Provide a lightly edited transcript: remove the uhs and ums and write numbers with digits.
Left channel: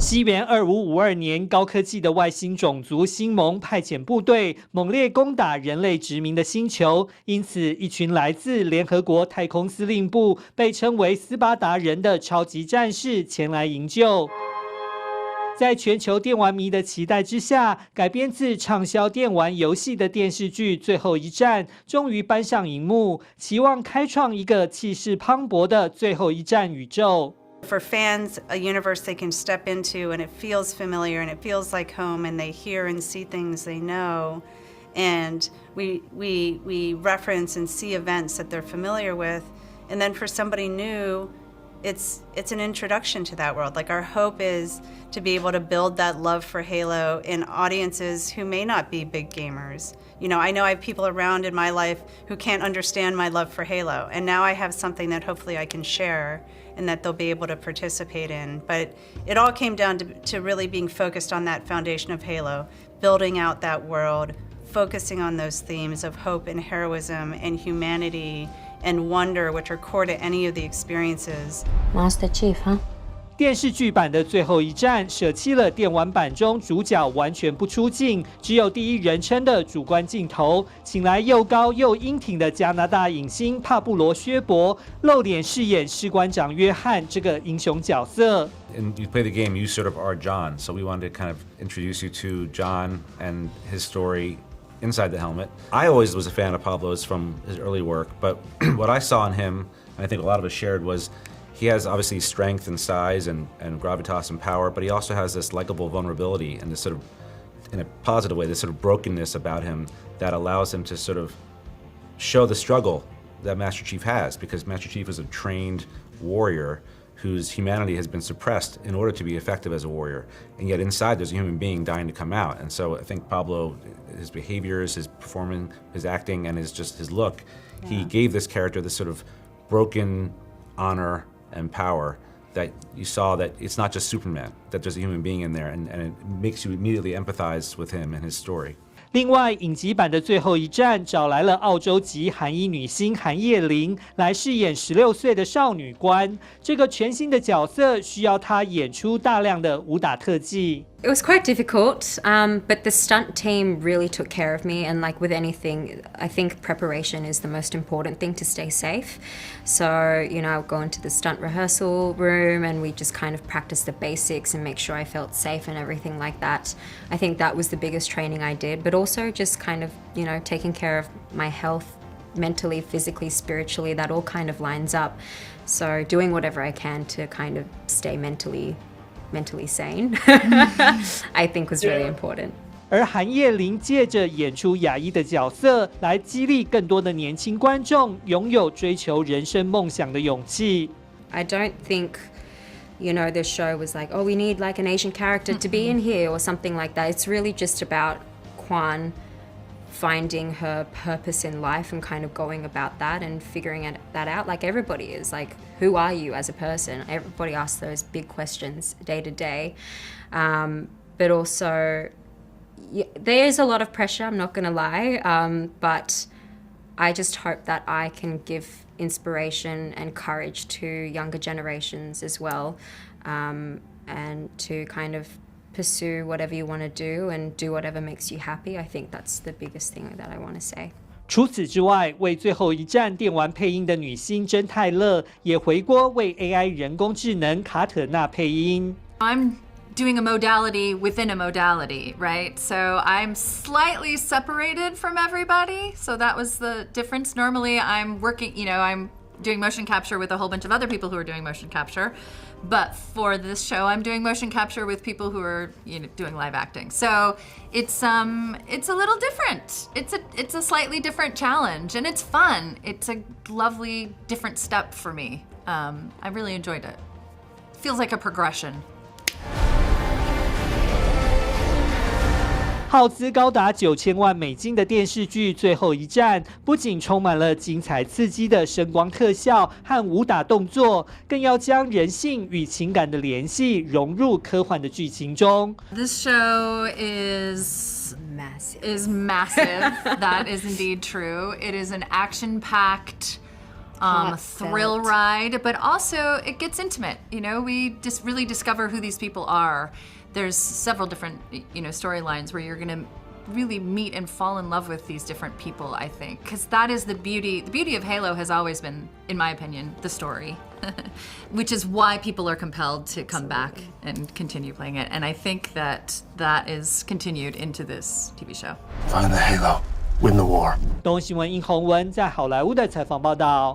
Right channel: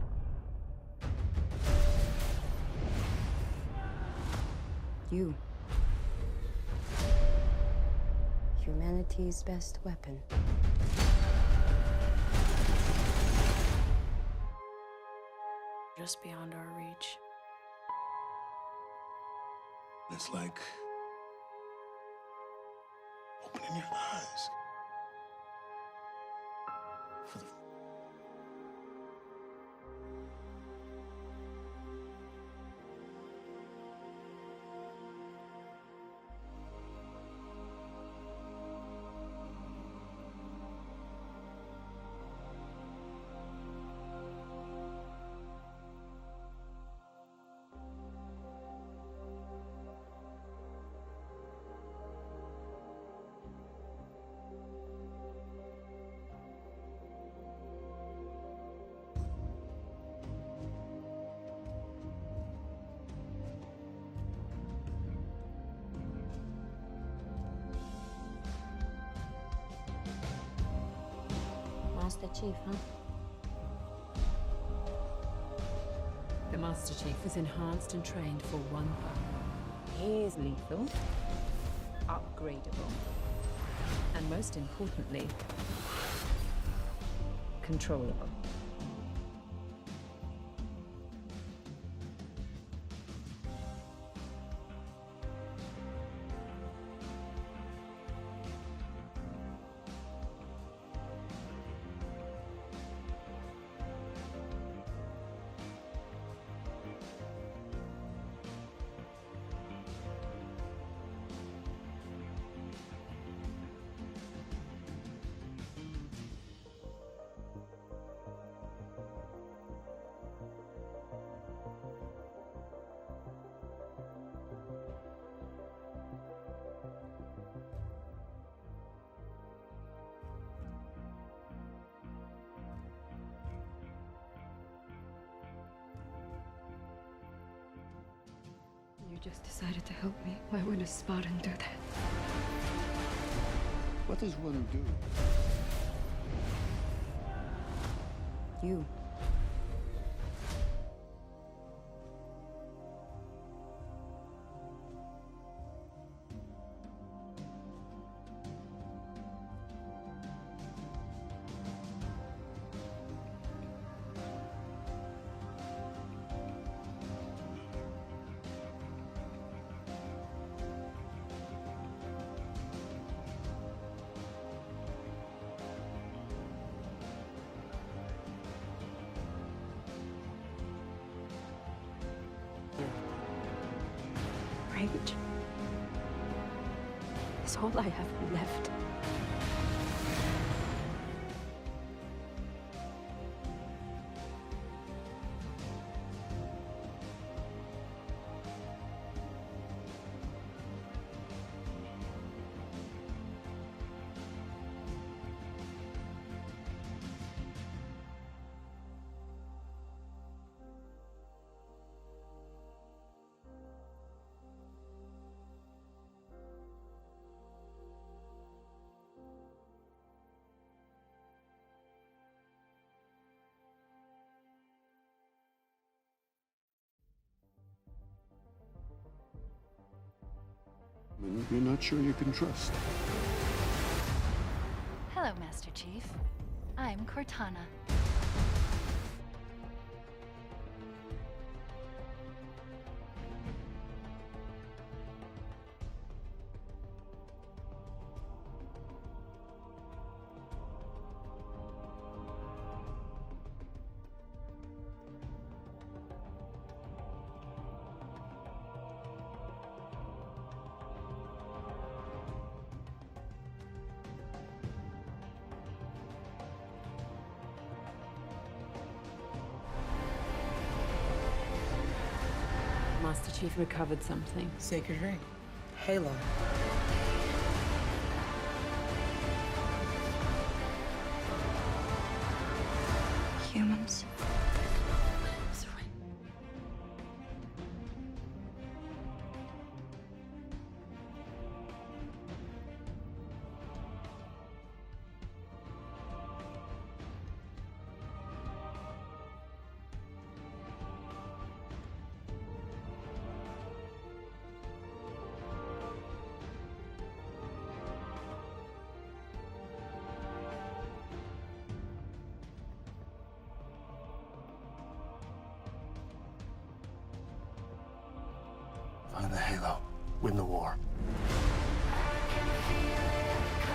西元2552年，高科技的外星种族星盟派遣部队猛烈攻打人类殖民的星球，因此一群来自联合国太空司令部，被称为斯巴达人的超级战士前来营救。在全球电玩迷的期待之下，改编自畅销电玩游戏的电视剧《最后一战》终于搬上荧幕，期望开创一个气势磅礴的最后一战宇宙。For fans, a universe they can step into and it feels familiar and it feels like home and they hear and see things they know. And we reference and see events that they're familiar with. And then for somebody new, it's an introduction to that world. Like our hope is to be able to build that love for Halo in audiences who may not be big gamers. You know I have people around in my life who can't understand my love for Halo, and now I have something that hopefully I can share and that they'll be able to participate in. But it all came down to really being focused on that foundation of Halo, building out that world, focusing on those themes of hope and heroism and humanity and wonder, which are core to any of the experiences. Master Chief, huh? 电视剧版的最后一战舍弃了电玩版中主角完全不出镜，只有第一人称的主观镜头，请来又高又英挺的加拿大影星帕布罗·薛伯露脸饰演士官长约翰这个英雄角色。And you play the game, you sort of are John, so we wanted to kind of introduce you to John and his story inside the helmet. I always was a fan of Pablo's from his early work, but what I saw in him, and I think a lot of us shared, was he has obviously strength and size and gravitas and power, but he also has this likable vulnerability and this sort of, in a positive way, this sort of brokenness about him that allows him to sort of show the struggle that Master Chief has, because Master Chief is a trained warrior whose humanity has been suppressed in order to be effective as a warrior. And yet inside there's a human being dying to come out. And so I think Pablo, his behaviors, his performing, his acting, and his look, he gave this character this sort of broken honor and power that you saw that it's not just Superman, that there's a human being in there, and it makes you immediately empathize with him and his story. 另外，影集版的最后一战找来了澳洲籍韩裔女星韩叶玲来饰演16岁的少女官。这个全新的角色需要她演出大量的武打特技。It was quite difficult, but the stunt team really took care of me. And like with anything, I think preparation is the most important thing to stay safe. So, I'll go into the stunt rehearsal room and we just kind of practice the basics and make sure I felt safe and everything like that. I think that was the biggest training I did, but also just kind of, taking care of my health mentally, physically, spiritually, that all kind of lines up. So doing whatever I can to kind of stay mentally sane, I think was really important. 而韩叶玲借着演出亚裔的角色，来激励更多的年轻观众拥有追求人生梦想的勇气。I don't think, the show was like, oh, we need like an Asian character to be in here or something like that. It's really just about Kwan finding her purpose in life and kind of going about that and figuring that out like everybody is. Like, who are you as a person? Everybody asks those big questions day to day. But also, there is a lot of pressure, I'm not gonna lie, but I just hope that I can give inspiration and courage to younger generations as well, and to kind of pursue whatever you want to do and do whatever makes you happy. I think that's the biggest thing that I want to say. 除此之外，为最后一战电玩配音的女星珍泰勒也回国为 AI 人工智能卡特纳配音。I'm doing a modality within a modality, right? So I'm slightly separated from everybody. So that was the difference. Normally I'm working, I'm doing motion capture with a whole bunch of other people who are doing motion capture. But for this show, I'm doing motion capture with people who are, doing live acting. So it's a little different. It's a slightly different challenge, and it's fun. It's a lovely different step for me. I really enjoyed it. Feels like a progression. 耗资高达9000万美金的电视剧《最后一战》，不仅充满了精彩刺激的声光特效和武打动作，更要将人性与情感的联系融入科幻的剧情中。This show is massive. That is indeed true. It is an action-packed, thrill ride, but also it gets intimate. You know, we just really discover who these people are. There's several different, you know, storylines where you're gonna really meet and fall in love with these different people, I think, because that is the beauty. The beauty of Halo has always been, in my opinion, the story, which is why people are compelled to come back and continue playing it. And I think that that is continued into this TV show. Find the Halo, win the war. 东新闻殷宏文在好莱坞的采访报道。